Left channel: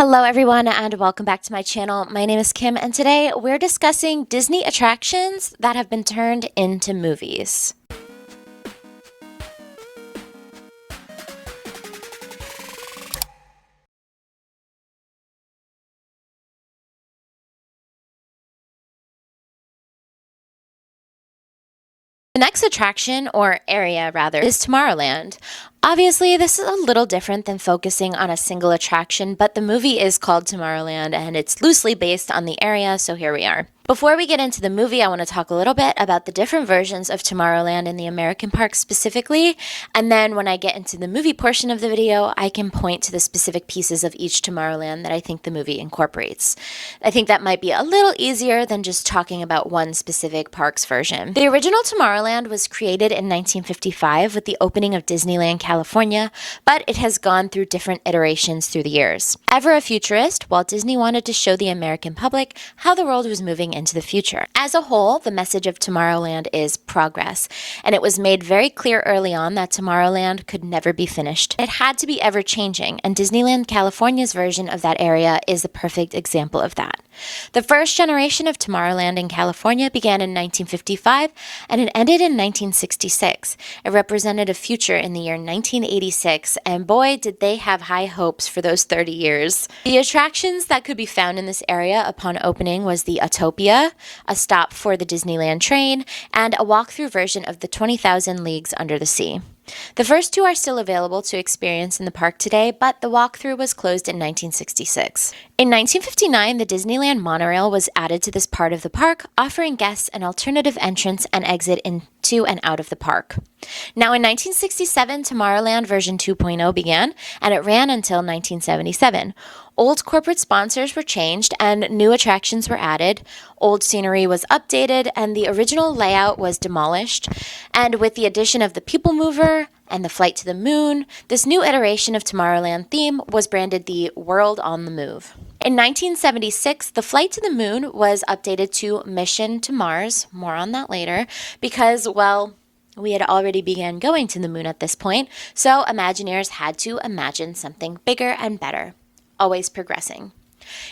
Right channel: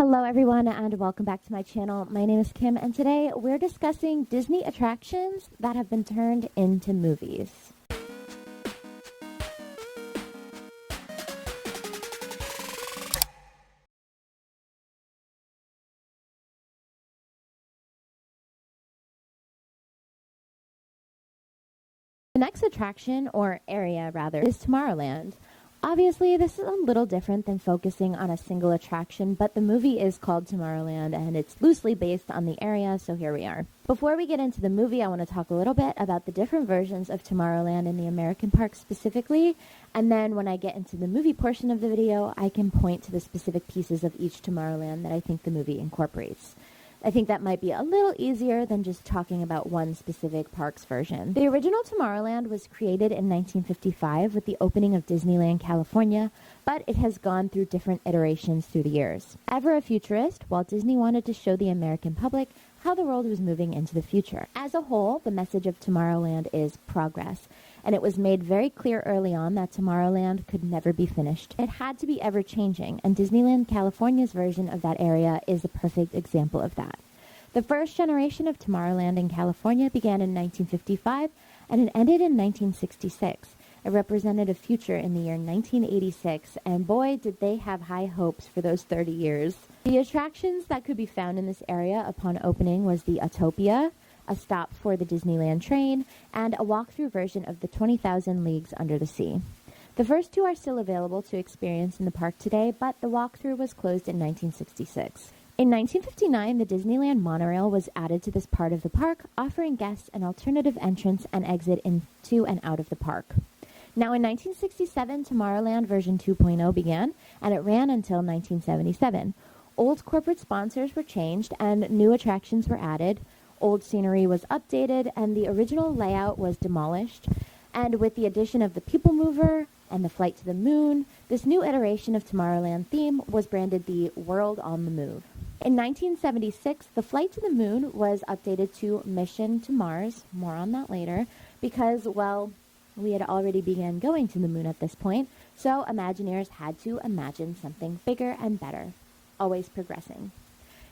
Hello everyone and welcome back to my channel. My name is Kim and today we're discussing Disney attractions that have been turned into movies. The next attraction, or area rather, is Tomorrowland. Obviously, this is a little different than focusing on a single attraction, but the movie is called Tomorrowland and it's loosely based on the area, so here we are. Before we get into the movie, I want to talk a little bit about the different versions of Tomorrowland in the American park specifically, and then when I get into the movie portion of the video, I can point to the specific pieces of each Tomorrowland that I think the movie incorporates. I think that might be a little easier than just talking about one specific park's version. The original Tomorrowland was created in 1955 with the opening of Disneyland California, but it has gone through different iterations through the years. Ever a futurist, Walt Disney wanted to show the American public how the world was moving into the future. As a whole, the message of Tomorrowland is progress, and it was made very clear early on that Tomorrowland could never be finished. It had to be ever-changing, and Disneyland California's version of that area is the perfect example of that. The first generation of Tomorrowland in California began in 1955 and it ended in 1966. It represented a future in the year 1986, and boy, did they have high hopes for those 30 years. The attractions that could be found in this area upon opening was the Autopia, a stop for the Disneyland train, and a walkthrough version of the 20,000 Leagues Under the Sea. The first two are still available to experience in the park today, but the walkthrough was closed in 1966. In 1959, the Disneyland monorail was added to this part of the park, offering guests an alternative entrance and exit into and out of the park. Now in 1967, Tomorrowland version 2.0 began, and it ran until 1977. Old corporate sponsors were changed and new attractions were added. Old scenery was updated and the original layout was demolished. And with the addition of the People Mover and the Flight to the Moon, this new iteration of Tomorrowland theme was branded the World on the Move. In 1976, the Flight to the Moon was updated to Mission to Mars, more on that later, because, well, we had already begun going to the moon at this point, so Imagineers had to imagine something bigger and better. Always progressing.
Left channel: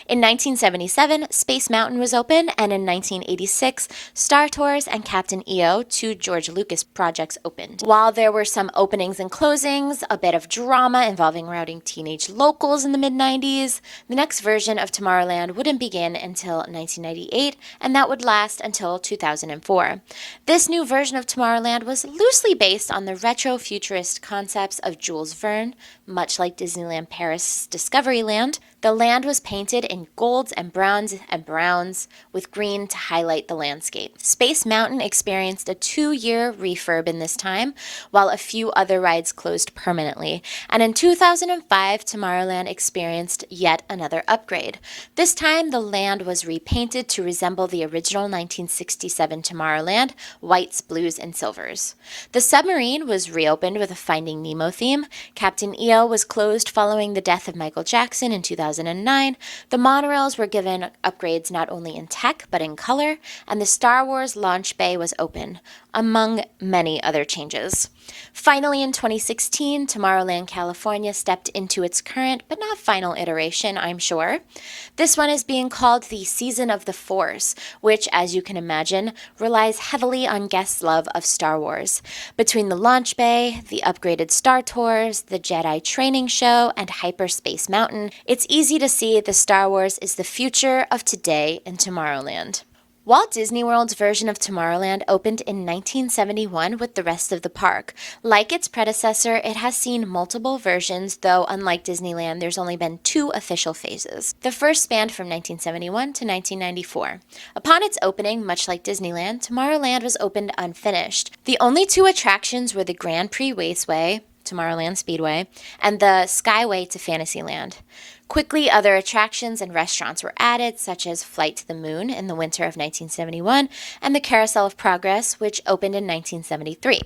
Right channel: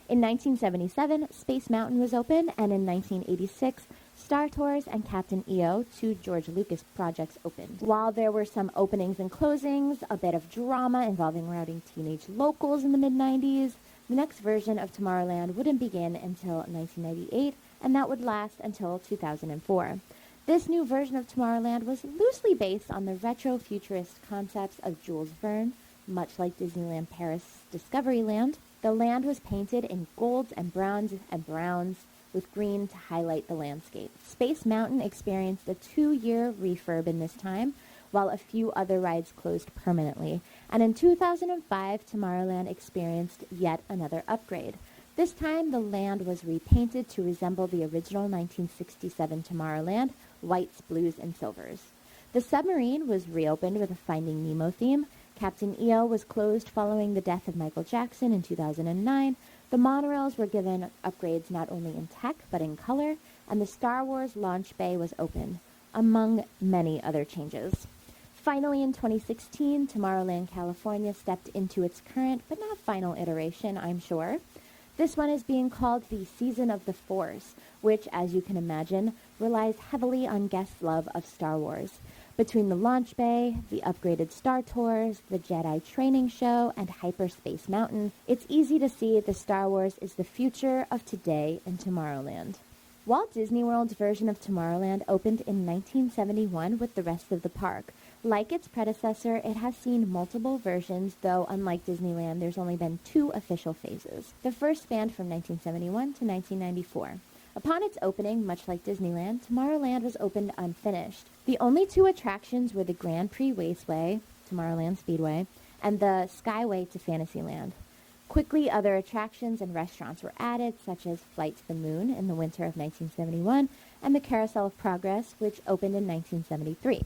In 1977, Space Mountain was open, and in 1986, Star Tours and Captain EO, two George Lucas projects, opened. While there were some openings and closings, a bit of drama involving routing teenage locals in the mid-90s, the next version of Tomorrowland wouldn't begin until 1998, and that would last until 2004. This new version of Tomorrowland was loosely based on the retro-futurist concepts of Jules Verne, much like Disneyland Paris' Discoveryland. The land was painted in golds and browns with green to highlight the landscape. Space Mountain experienced a 2-year refurb in this time, while a few other rides closed permanently. And in 2005, Tomorrowland experienced yet another upgrade. This time, the land was repainted to resemble the original 1967 Tomorrowland, whites, blues, and silvers. The submarine was reopened with a Finding Nemo theme. Captain EO was closed following the death of Michael Jackson in 2009. The monorails were given upgrades not only in tech but in color, and the Star Wars launch bay was open, among many other changes. Finally, in 2016, Tomorrowland California stepped into its current but not final iteration, I'm sure. This one is being called the Season of the Force, which, as you can imagine, relies heavily on guests' love of Star Wars. Between the launch bay, the upgraded Star Tours, the Jedi training show, and Hyperspace Mountain, it's easy to see the Star Wars is the future of today in Tomorrowland. Walt Disney World's version of Tomorrowland opened in 1971 with the rest of the park. Like its predecessor, it has seen multiple versions, though unlike Disneyland, there's only been 2 official phases. The first spanned from 1971 to 1994. Upon its opening, much like Disneyland, Tomorrowland was opened unfinished. The only 2 attractions were the Grand Prix Raceway, Tomorrowland Speedway, and the Skyway to Fantasyland. Quickly, other attractions and restaurants were added, such as Flight to the Moon in the winter of 1971 and the Carousel of Progress, which opened in 1973.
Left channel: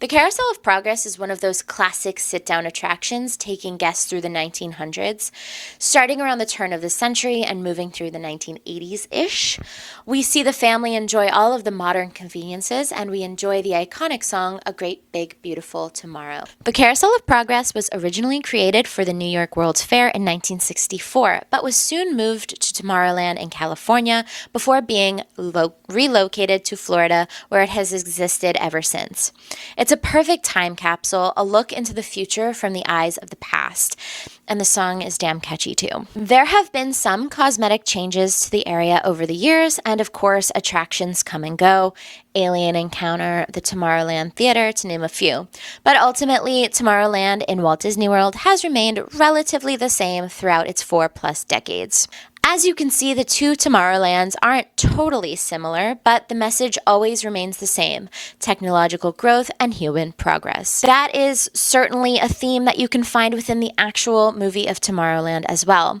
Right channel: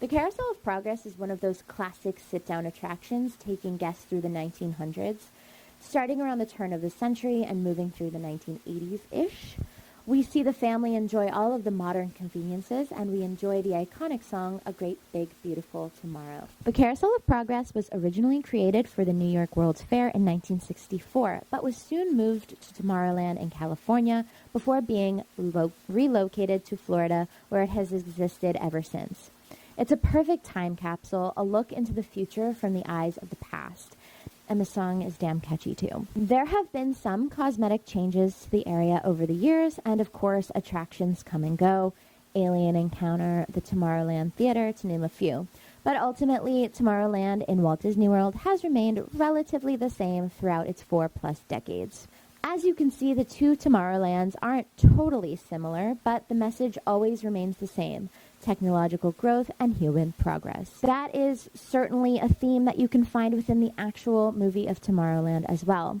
The Carousel of Progress is one of those classic sit-down attractions taking guests through the 1900s. Starting around the turn of the century and moving through the 1980s-ish, we see the family enjoy all of the modern conveniences, and we enjoy the iconic song, A Great Big Beautiful Tomorrow. The Carousel of Progress was originally created for the New York World's Fair in 1964, but was soon moved to Tomorrowland in California before being relocated to Florida, where it has existed ever since. It's a perfect time capsule, a look into the future from the eyes of the past. And the song is damn catchy too. There have been some cosmetic changes to the area over the years, and of course, attractions come and go. Alien Encounter, the Tomorrowland Theater, to name a few. But ultimately, Tomorrowland in Walt Disney World has remained relatively the same throughout its 4+ decades. As you can see, the two Tomorrowlands aren't totally similar, but the message always remains the same: technological growth and human progress. That is certainly a theme that you can find within the actual movie of Tomorrowland as well.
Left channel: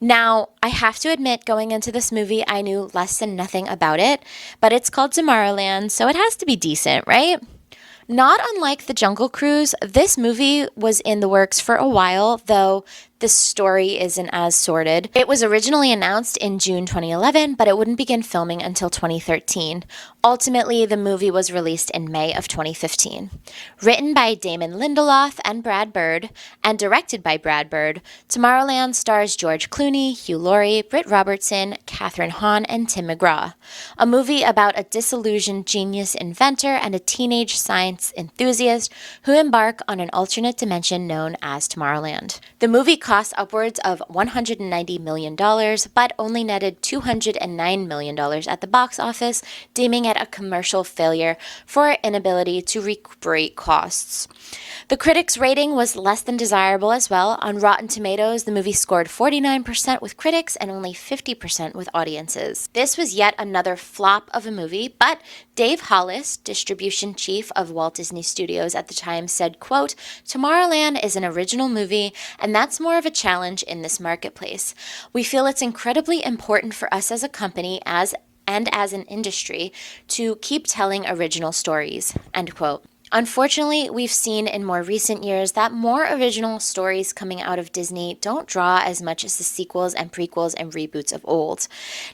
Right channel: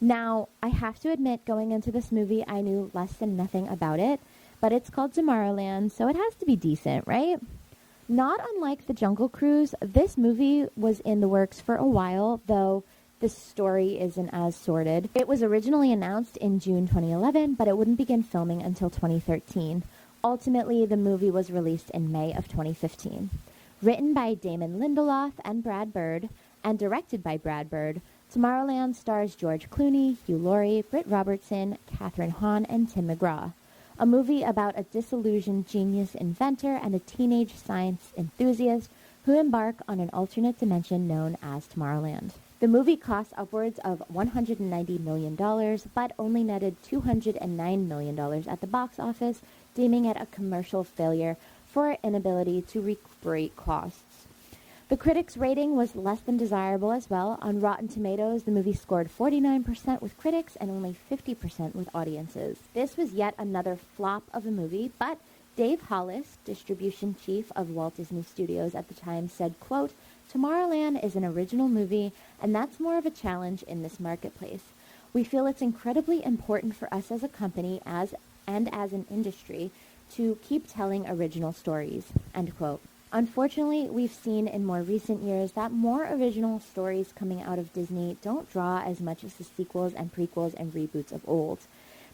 Now, I have to admit, going into this movie, I knew less than nothing about it, but it's called Tomorrowland, so it has to be decent, right? Not unlike the Jungle Cruise, this movie was in the works for a while, though the story isn't as sordid. It was originally announced in June 2011, but it wouldn't begin filming until 2013. Ultimately, the movie was released in May of 2015. Written by Damon Lindelof and Brad Bird, and directed by Brad Bird, Tomorrowland stars George Clooney, Hugh Laurie, Britt Robertson, Kathryn Hahn, and Tim McGraw. A movie about a disillusioned genius inventor and a teenage science enthusiast who embark on an alternate dimension known as Tomorrowland. The movie cost upwards of $190 million, but only netted $209 million at the box office, deeming it a commercial failure for inability to recuperate costs. The critics' rating was less than desirable as well. On Rotten Tomatoes, the movie scored 49% with critics and only 50% with audiences. This was yet another flop of a movie, but Dave Hollis, distribution chief of Walt Disney Studios at the time, said, quote, "Tomorrowland is an original movie, and that's more of a challenge in this marketplace. We feel it's incredibly important for us as a company and as an industry to keep telling original stories," end quote. Unfortunately, we've seen in more recent years that more original stories coming out of Disney don't draw as much as the sequels and prequels and reboots of old.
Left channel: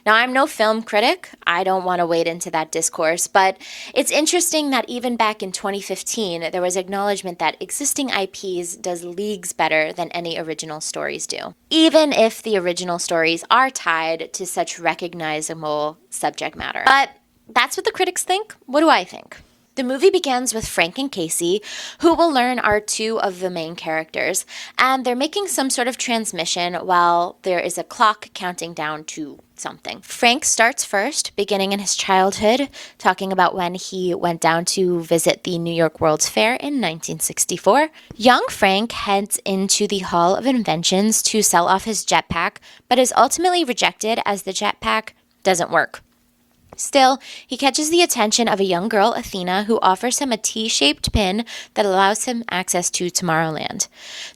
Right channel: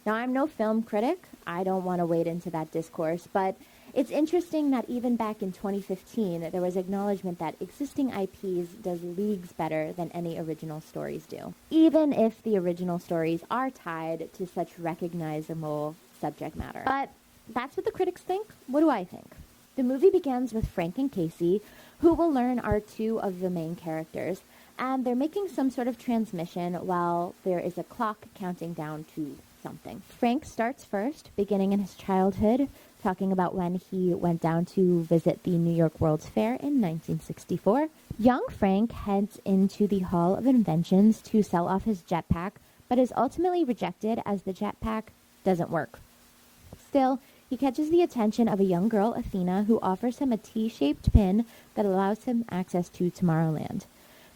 Now, I'm no film critic. I don't want to wade into that discourse, but it's interesting that even back in 2015, there was acknowledgement that existing IPs does leagues better than any original stories do, even if the original stories are tied to such recognizable subject matter. But that's what the critics think. What do I think? The movie begins with Frank and Casey, who we'll learn are two of the main characters, and they're making some sort of transmission while there is a clock counting down to something. Frank starts first, beginning in his childhood, talking about when he went down to visit the New York World's Fair in 1964. Young Frank heads into the Hall of Inventions to sell off his jetpack, but is ultimately rejected as the jetpack doesn't work. Still, he catches the attention of a young girl, Athena, who offers him a T-shaped pin that allows him access to Tomorrowland.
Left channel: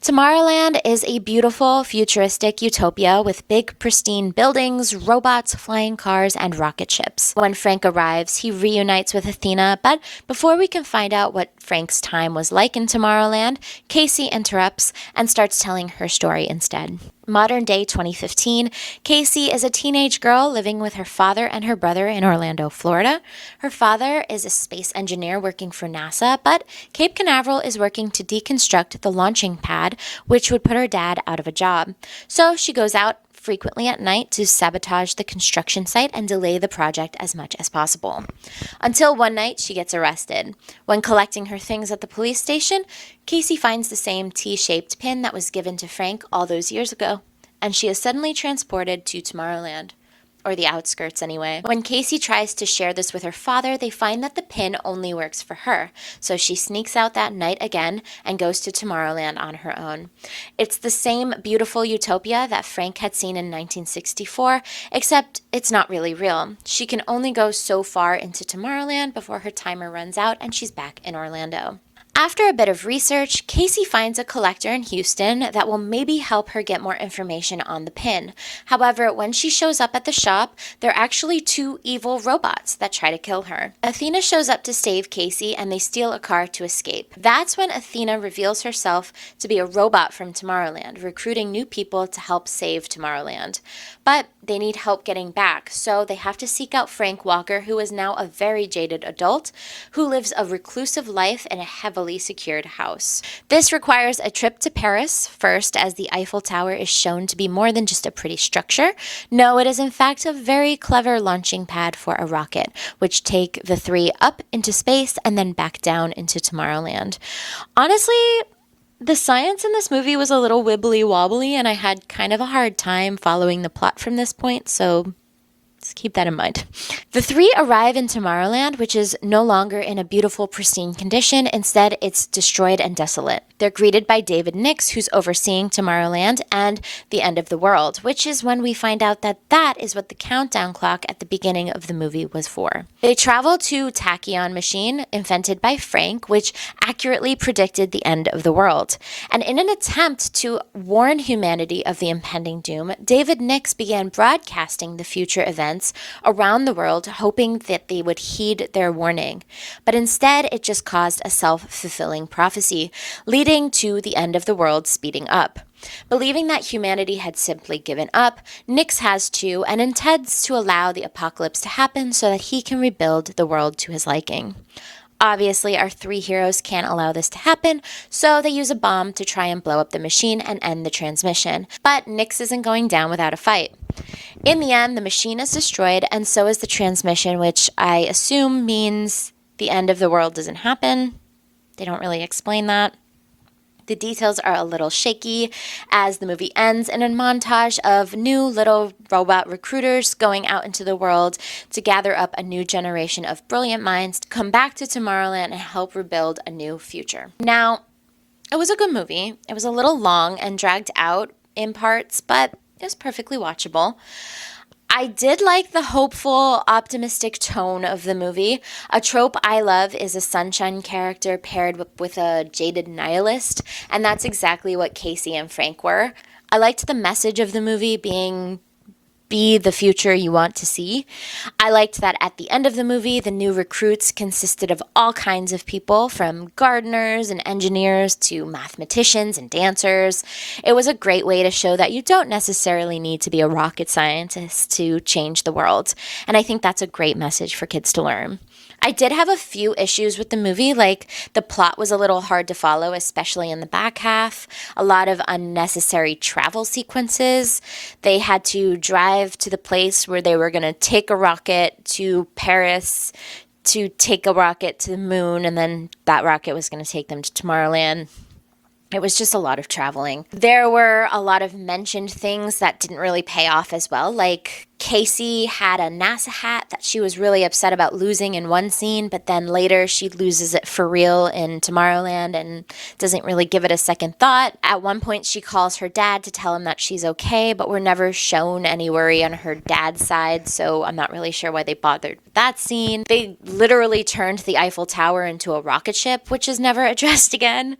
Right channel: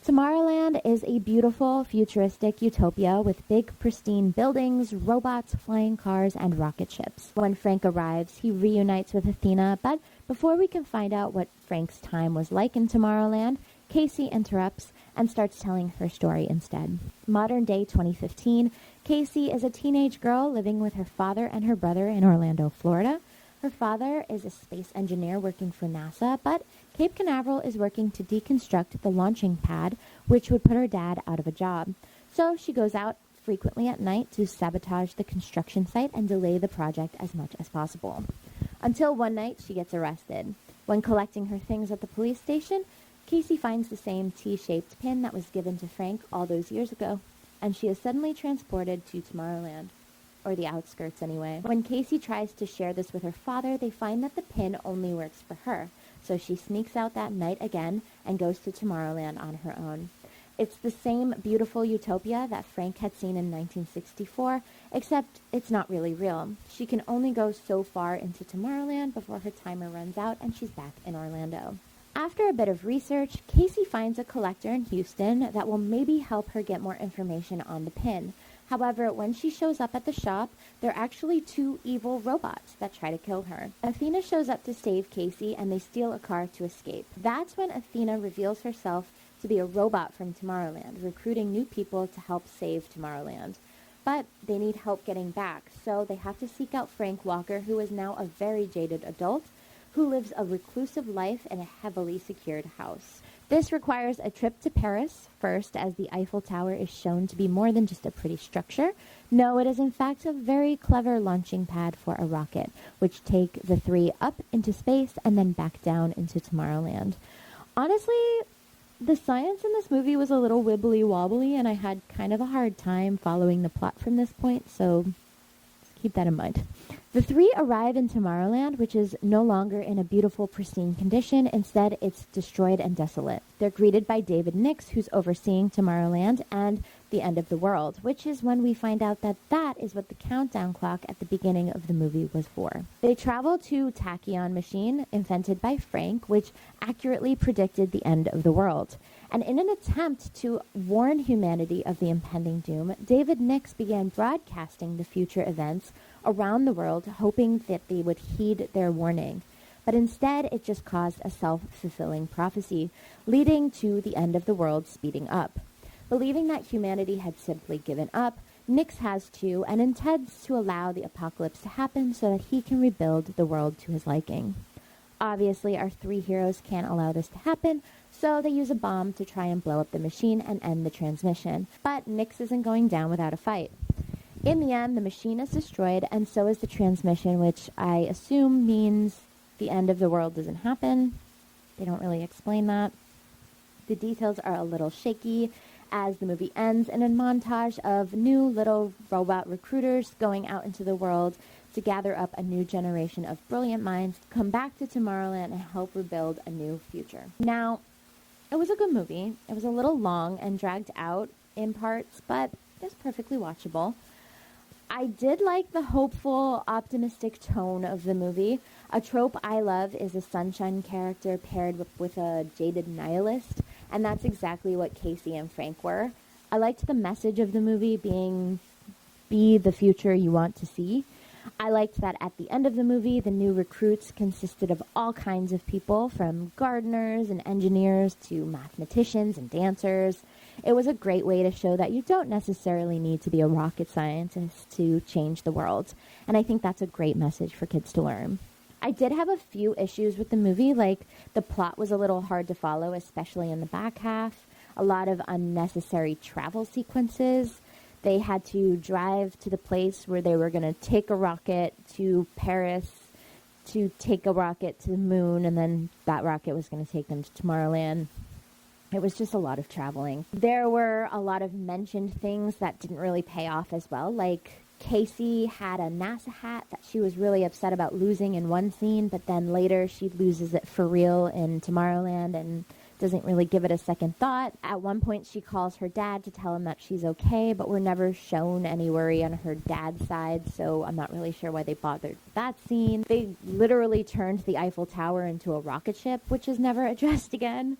Tomorrowland is a beautiful, futuristic utopia with big, pristine buildings, robots, flying cars, and rocket ships. When Frank arrives, he reunites with Athena, but before we can find out what Frank's time was like in Tomorrowland, Casey interrupts and starts telling her story instead. Modern day 2015, Casey is a teenage girl living with her father and her brother in Orlando, Florida. Her father is a space engineer working for NASA, but Cape Canaveral is working to deconstruct the launching pad, which would put her dad out of a job. So she goes out frequently at night to sabotage the construction site and delay the project as much as possible. Until one night, she gets arrested. When collecting her things at the police station, Casey finds the same T-shaped pin that was given to Frank all those years ago, and she is suddenly transported to Tomorrowland. Or the outskirts anyway. When Casey tries to share this with her father, they find that the pin only works for her. So she sneaks out that night again and goes to Tomorrowland on her own. It's the same beautiful utopia that Frank had seen in 1964, except it's not really real. She can only go so far into Tomorrowland before her timer runs out and she's back in Orlando. After a bit of research, Casey finds a collector in Houston that will maybe help her get more information on the pin. However, when she shows up at the shop, they're actually two evil robots that try to kill her. Athena shows up to save Casey and they steal a car to escape. That's when Athena reveals herself to be a robot from Tomorrowland, recruiting new people to help save Tomorrowland. But they need help getting back, so they have to seek out Frank Walker, who is now a very jaded adult who lives a reclusive life in a heavily secured house. This requires a trip to Paris first, as the Eiffel Tower is shown to be more than just a pretty structure. No, it is in fact a very clever launching pad for a rocket, which take the three up into space and then back down into Tomorrowland. Honestly, the science in this movie was a little wibbly wobbly, and I had kind of a hard time following the plot from this point, so just keep that in mind. The three arrive in Tomorrowland, which is no longer in a beautiful, pristine condition. Instead, it's destroyed and desolate. They're greeted by David Nix, who's overseeing Tomorrowland and the end of the world, which is when we find out that that is what the countdown clock at the beginning of the movie was for. They travel to Tachyon machine, invented by Frank, which accurately predicted the end of the world. And in an attempt to warn humanity of the impending doom, David Nix began broadcasting the future events around the world, hoping that they would heed their warning. But instead, it just caused a self-fulfilling prophecy, leading to the end of the world speeding up. Believing that humanity had simply given up, Nix has to and intends to allow the apocalypse to happen so that he can rebuild the world to his liking. Obviously, our three heroes can't allow this to happen, so they use a bomb to try and blow up the machine and end the transmission. But Nix isn't going down without a fight. In the end, the machine is destroyed, and so is the transmission, which I assume means the end of the world doesn't happen. They don't really explain that. The details are a little shaky as the movie ends in a montage of new little robot recruiters going out into the world to gather up a new generation of brilliant minds to come back to Tomorrowland and help rebuild a new future. Now, it was a good movie. It was a little long and dragged out in parts, but it was perfectly watchable. I did like the hopeful, optimistic tone of the movie. A trope I love is a sunshine character paired with a jaded nihilist, and that's exactly what Casey and Frank were. I liked the message of the movie being be the future you want to see. I liked that at the end of the movie, the new recruits consisted of all kinds of people, from gardeners and engineers to mathematicians and dancers. It was a great way to show that you don't necessarily need to be a rocket scientist to change the world. And I think that's a great message for kids to learn. I did have a few issues with the movie, like the plot was a little hard to follow, especially in the back half. A lot of unnecessary travel sequences. They had to drive to the place where they were going to take a rocket to Paris, to take a rocket to the moon, and then that rocket was going to take them to Tomorrowland. It was just a lot of traveling. There were a lot of mentioned things that didn't really pay off as well, like Casey had a NASA hat that she was really upset about losing in one scene, but then later she loses it for real in Tomorrowland and doesn't really give it a second thought. At one point, she calls her dad to tell him that she's okay, but we're never shown any worry on her dad's side, so I'm not really sure why they bothered with that scene. They literally turned the Eiffel Tower into a rocket ship, which is never addressed again.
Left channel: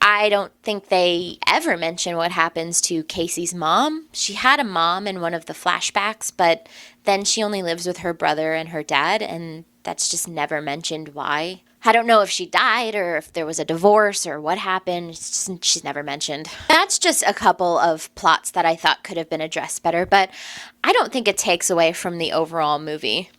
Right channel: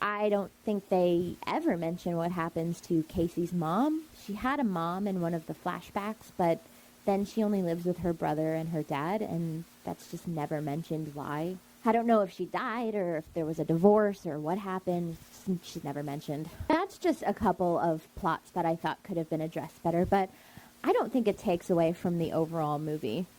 I don't think they ever mention what happens to Casey's mom. She had a mom in one of the flashbacks, but then she only lives with her brother and her dad, and that's just never mentioned why. I don't know if she died or if there was a divorce or what happened. She's never mentioned. That's just a couple of plots that I thought could have been addressed better, but I don't think it takes away from the overall movie.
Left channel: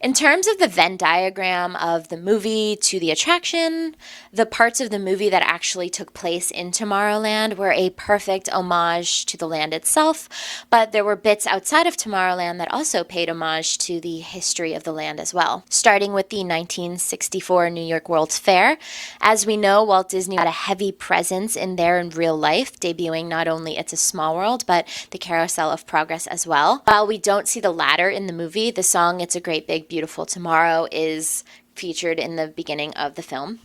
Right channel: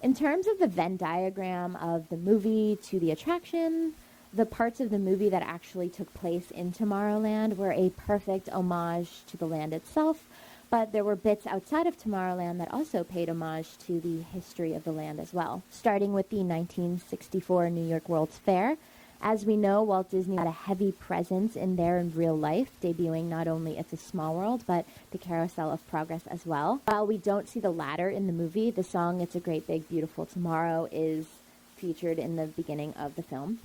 In terms of the Venn diagram of the movie to the attraction, the parts of the movie that actually took place in Tomorrowland were a perfect homage to the land itself, but there were bits outside of Tomorrowland that also paid homage to the history of the land as well. Starting with the 1964 New York World's Fair. As we know, Walt Disney had a heavy presence in there in real life, debuting not only It's a Small World, but the Carousel of Progress as well. While we don't see the latter in the movie, the song It's a Great Big Beautiful Tomorrow is featured in the beginning of the film.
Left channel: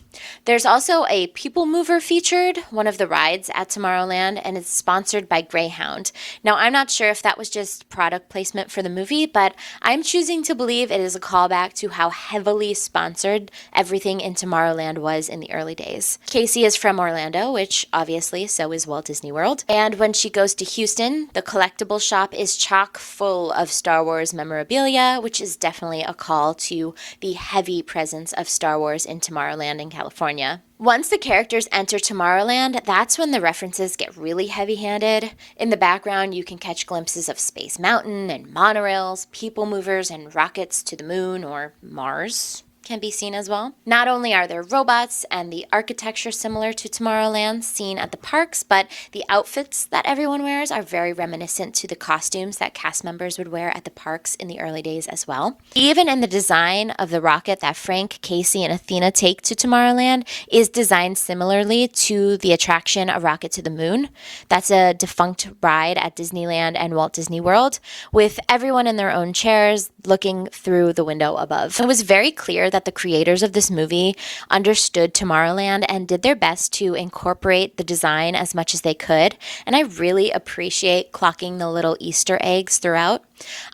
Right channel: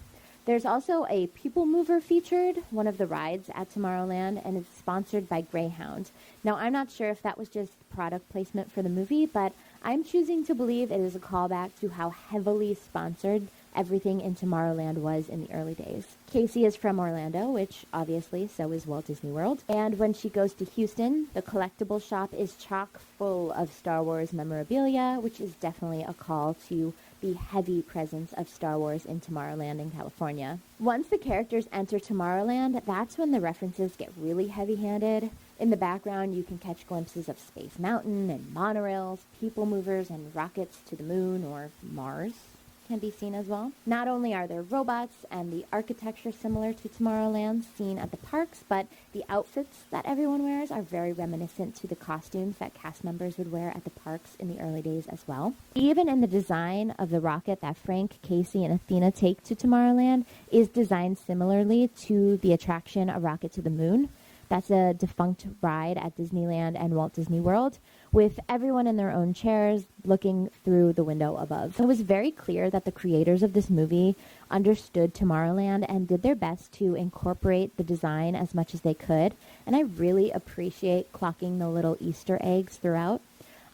There's also a People Mover featured, one of the rides at Tomorrowland, and it's sponsored by Greyhound. Now, I'm not sure if that was just product placement for the movie, but I'm choosing to believe it is a callback to how heavily sponsored everything in Tomorrowland was in the early days. Casey is from Orlando, which obviously so is Walt Disney World. And when she goes to Houston, the collectible shop is chock full of Star Wars memorabilia, which is definitely a call to the heavy presence of Star Wars in Tomorrowland in California. Once the characters enter Tomorrowland, that's when the references get really heavy-handed. In the background, you can catch glimpses of Space Mountain and monorails, people movers, and rockets to the moon or Mars can be seen as well. Not only are there robots and the architecture similar to Tomorrowland seen at the parks, but the outfits that everyone wears are very reminiscent to the costumes that cast members would wear at the parks in the early days as well. Even in the design of the rocket that Frank, Casey, and Athena take to Tomorrowland is designed similarly to the attraction A Rocket to the Moon. That's a defunct ride at Disneyland and Walt Disney World, with everyone in their own chairs looking through the window above. It was very clear that the creators of this movie understood Tomorrowland and did their best to incorporate the design as much as they could, and I really appreciate clocking the little Easter eggs throughout.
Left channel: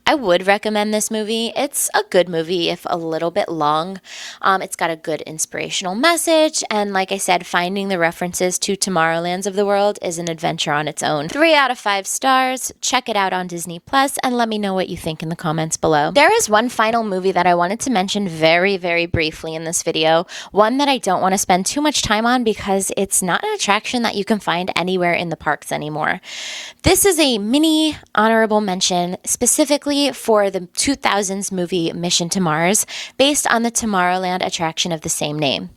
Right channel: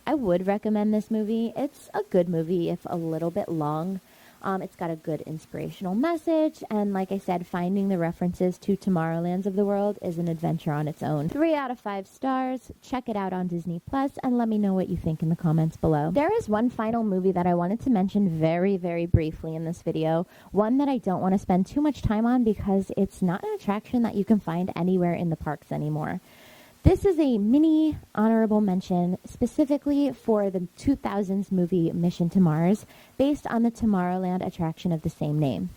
I would recommend this movie. It's a good movie, if a little bit long. It's got a good inspirational message, and like I said, finding the references to Tomorrowlands of the world is an adventure on its own. 3 out of 5 stars. Check it out on Disney Plus, and let me know what you think in the comments below. There is one final movie that I wanted to mention very, very briefly in this video, one that I don't want to spend too much time on because it's not an attraction that you can find anywhere in the parks anymore. This is a mini honorable mention specifically for the 2000s movie Mission to Mars, based on the Tomorrowland attraction of the same name.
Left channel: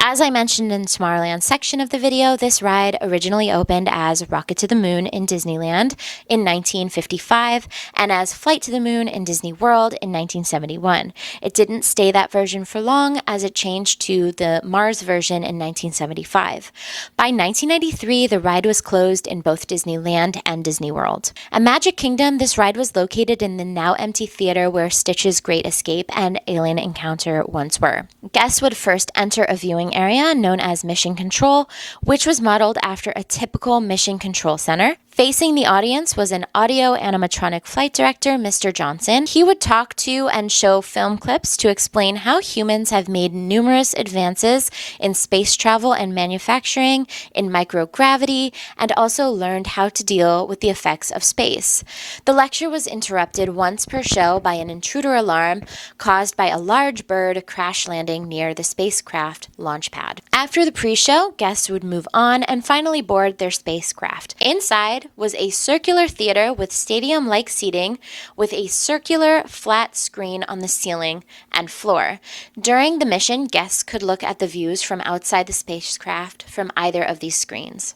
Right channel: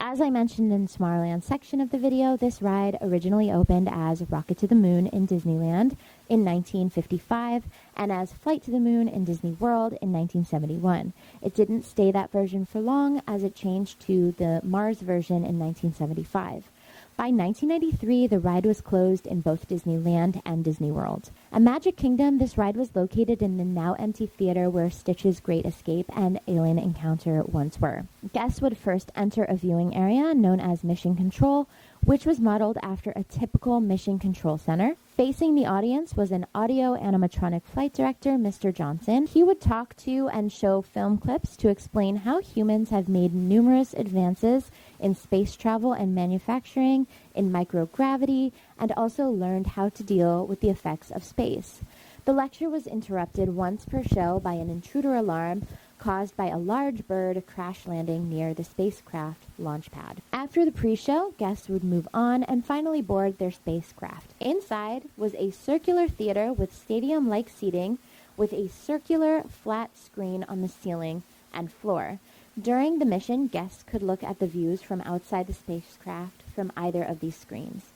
As I mentioned in the Tomorrowland section of the video, this ride originally opened as Rocket to the Moon in Disneyland in 1955 and as Flight to the Moon in Disney World in 1971. It didn't stay that version for long as it changed to the Mars version in 1975. By 1993, the ride was closed in both Disneyland and Disney World. At Magic Kingdom, this ride was located in the now empty theater where Stitch's Great Escape and Alien Encounter once were. Guests would first enter a viewing area known as Mission Control, which was modeled after a typical Mission Control Center. Facing the audience was an audio animatronic flight director, Mr. Johnson. He would talk to and show film clips to explain how humans have made numerous advances in space travel and manufacturing, in microgravity, and also learned how to deal with the effects of space. The lecture was interrupted once per show by an intruder alarm caused by a large bird crash landing near the spacecraft launch pad. After the pre-show, guests would move on and finally board their spacecraft. Inside was a circular theater with stadium-like seating with a circular flat screen on the ceiling and floor. During the mission, guests could look at the views from outside the spacecraft from either of these screens.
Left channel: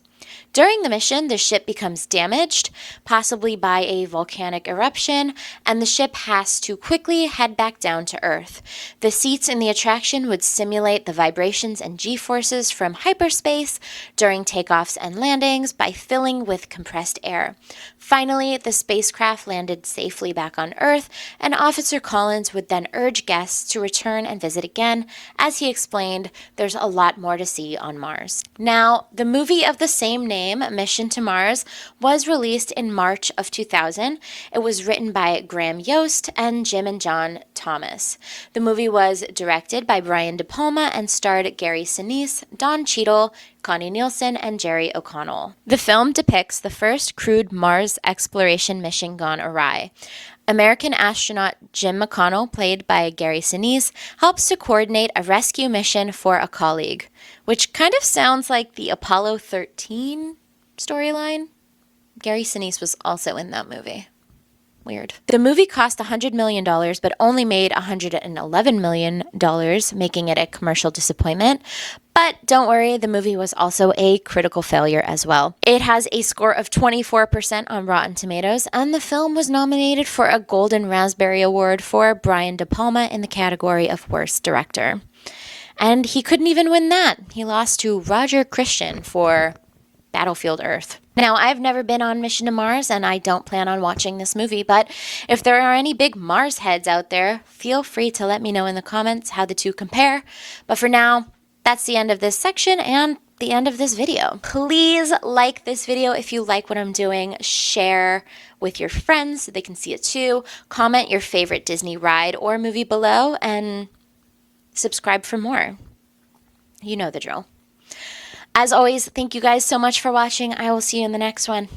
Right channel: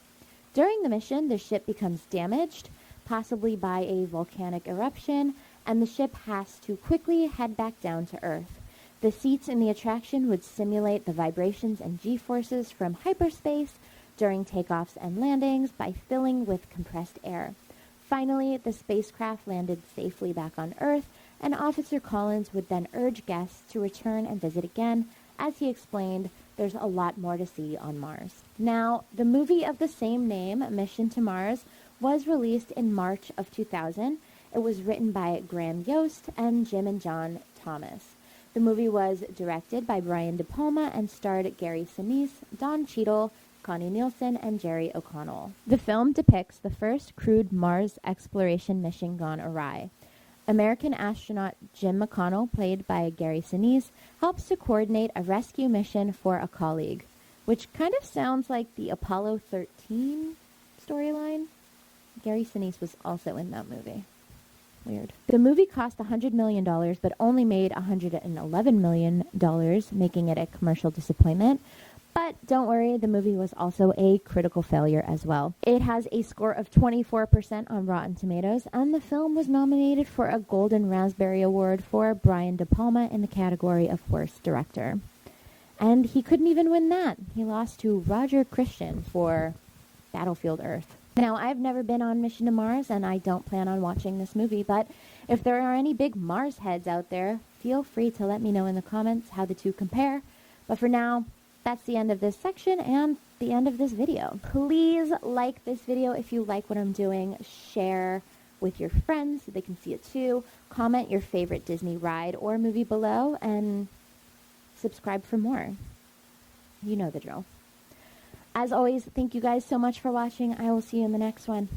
During the mission, the ship becomes damaged, possibly by a volcanic eruption, and the ship has to quickly head back down to Earth. The seats in the attraction would simulate the vibrations and G-forces from hyperspace during takeoffs and landings by filling with compressed air. Finally, the spacecraft landed safely back on Earth, and Officer Collins would then urge guests to return and visit again. As he explained, there's a lot more to see on Mars. Now, the movie of the same name, Mission to Mars, was released in March of 2000. It was written by Graham Yost and Jim and John Thomas. The movie was directed by Brian De Palma and starred Gary Sinise, Don Cheadle, Connie Nielsen, and Jerry O'Connell. The film depicts the first crewed Mars exploration mission gone awry. American astronaut Jim McConnell, played by Gary Sinise, helps to coordinate a rescue mission for a colleague, which kind of sounds like the Apollo 13 storyline. Gary Sinise was also in that movie. Weird. The movie cost $100 million, but only made $111 million, making it a commercial disappointment. But don't worry, the movie was also a critical failure as well. It has a score of 24% on Rotten Tomatoes, and the film was nominated for a Golden Raspberry Award for Brian De Palma in the category of Worst Director. And he couldn't even win that. He lost to Roger Christian for Battlefield Earth. Now, I've never been on Mission to Mars, and I don't plan on watching this movie, but if there are any big Mars heads out there, feel free to let me know in the comments how the two compare. But for now, That's the end of this section and the end of this video. Please like this video if you like what I'm doing. Share with your friends so they can see it too. Comment your favorite Disney ride or movie below, and subscribe for more. You know the drill. As always, thank you guys so much for watching. I will see you in the next one.